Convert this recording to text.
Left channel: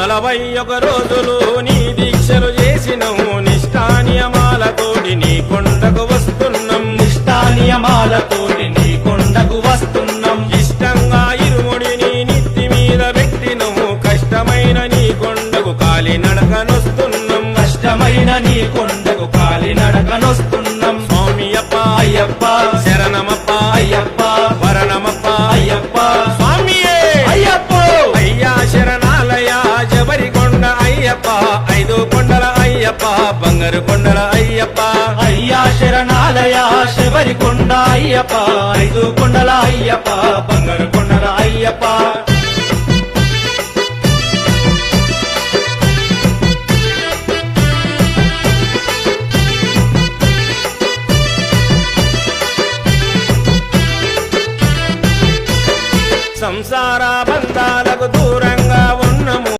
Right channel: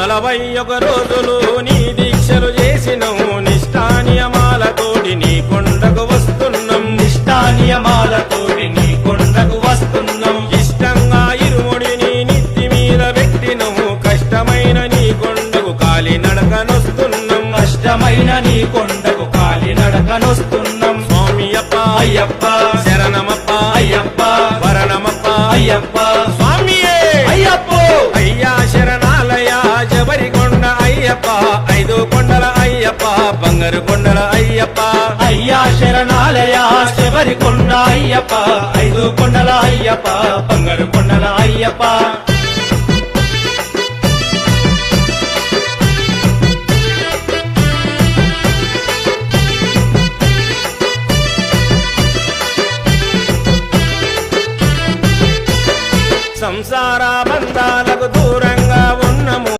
41 రోజులు నీ దీక్షలు చేసినవు నిష్ఠానియమాలతోటి నీ కొండకు వస్తున్నాం నిష్ఠానియమాలతోటి నీ కొండకు వస్తున్నాం ఇష్టంగా ఇరుముడిని నిత్తి మీద పెట్టినవు కష్టమైన నీ కొండకు కాలి నడకనొస్తున్నాం కష్టమైన నీ కొండకు కాలి నడకనొస్తున్నాం స్వామి అప్ప అయ్యప్ప శరణమప్ప అయ్యప్ప వరణమప్ప అయ్యప్ప స్వామియే అయ్యప్ప అయ్యా శరణాలయ జబరికొండ అయ్యప్ప 5 కొండల అయ్యప్ప బంగారు కొండల అయ్యప్ప అయ్యా శరణాలయ శబరికొండ అయ్యప్ప 5 కొండల అయ్యప్ప బంగారు కొండల అయ్యప్ప